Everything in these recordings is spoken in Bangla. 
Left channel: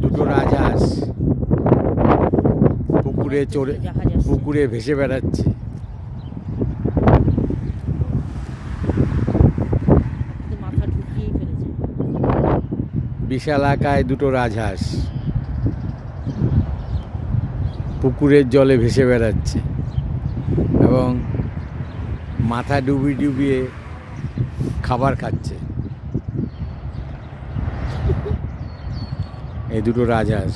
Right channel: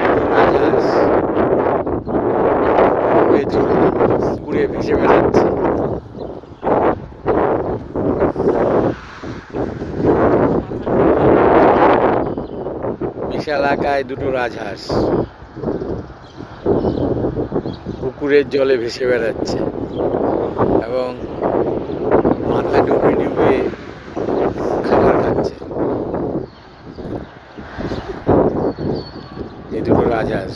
দুটো রাজহাঁস উড়ে চলে পুকুরে ভেসে বেড়াচ্ছে। বিশাল আকায় দুটো রাজহাঁস পুকুরের জলে ভেসে বেড়াচ্ছে এবং মাথা ডুবিয়ে ডুবিয়ে খাবার খাচ্ছে। এই দুটো রাজহাঁস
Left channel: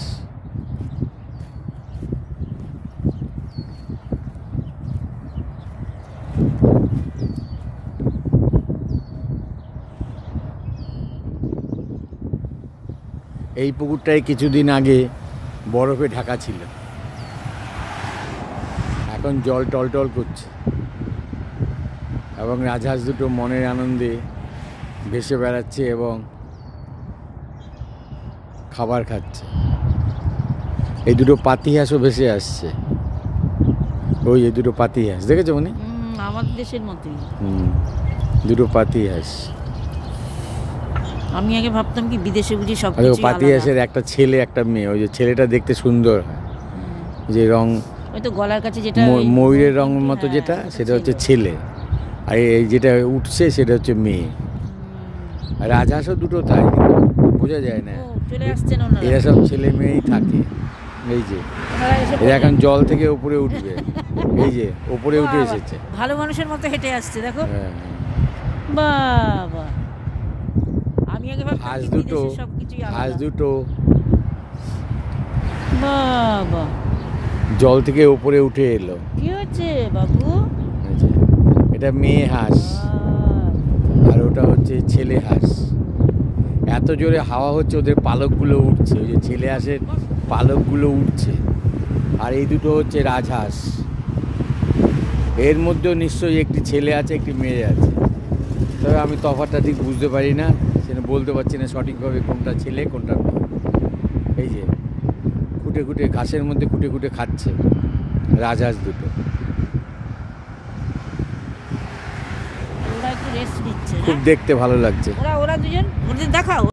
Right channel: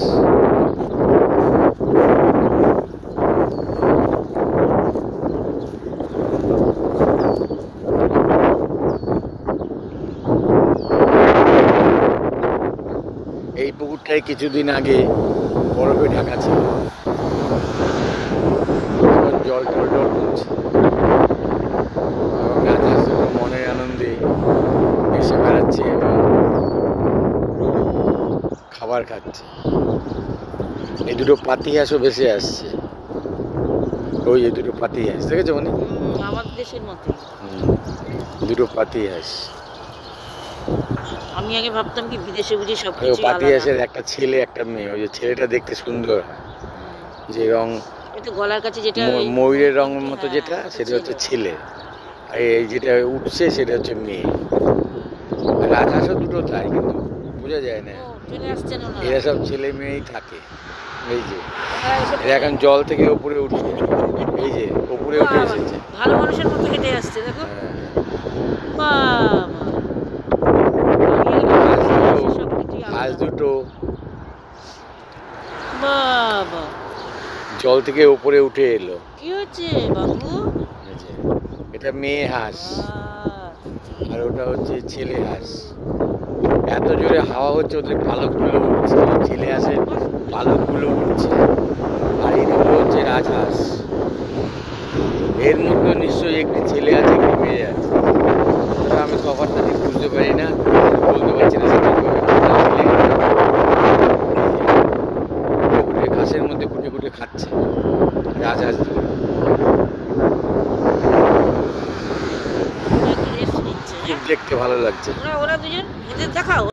এই পুকুরটায় কিছুদিন আগে বরফে ঢাকা ছিল, এখন জল টলটল করছে এবং রাজহাঁস দুটো মনের আনন্দে ভেসে বেড়াচ্ছে এবং খাবার খাচ্ছে। এই দুটো পাতিহাঁসও ভেসে আসছে। ওই এই দুটো পাতিহাঁস দেখেছো মানে আমাদের দেশের মতো দুটো পাতিহাঁস। আমি আগে ভাবতাম কি বিদেশে বুঝি সব পাতিহাঁসের একটা ছেলে একটা মেয়ে। ওই যে ছেলেটা দেখতে সুন্দর হয়, যে রং ওই তো গলার কাছে যেটা ময়ূরের রঙের মতো যেটা, সেটা হচ্ছে ছেলে, আর এই যেটা উঠছে সেটা হচ্ছে মেয়ে। রাজহাঁসও দুটো তাই, কিন্তু বোঝা যায় না। এরা সব ছেলে মেয়েই থাকে। এই যে এরা এখন জল থেকে উপরে উঠবে, এই যে উপরে উঠে এসেছে, ভালো মানুষের মতো হেঁটে আসছে দেখো। হাঁস দুটো জল থেকে উপরে উঠে এলো। কি হচ্ছে বাবু? এটা মেয়ে হাঁস আর ওটা হচ্ছে ছেলে হাঁস। এত জোরে হাওয়া হচ্ছে, ওদের পালকগুলো উঠছে, ছেলে হাঁসের পালকগুলো উঠছে। আর এই দুটো হচ্ছে রাজহাঁস। এর মধ্যে নিশ্চয়ই একটি ছেলে আছে, একটি মেয়ে আছে। তবে আমি তফাৎটা ঠিক বুঝতে পারি না, বলতে পারছি না সঠিকভাবে কোনটা ছেলে কোনটা মেয়ে। খুঁটে খুঁটে ঘাসের মধ্যে খুঁটে খুঁটে খাচ্ছে রাজহাঁস দুটো। খুব দেখতে ভালো লাগছে। ওরা দুজন দেখাও।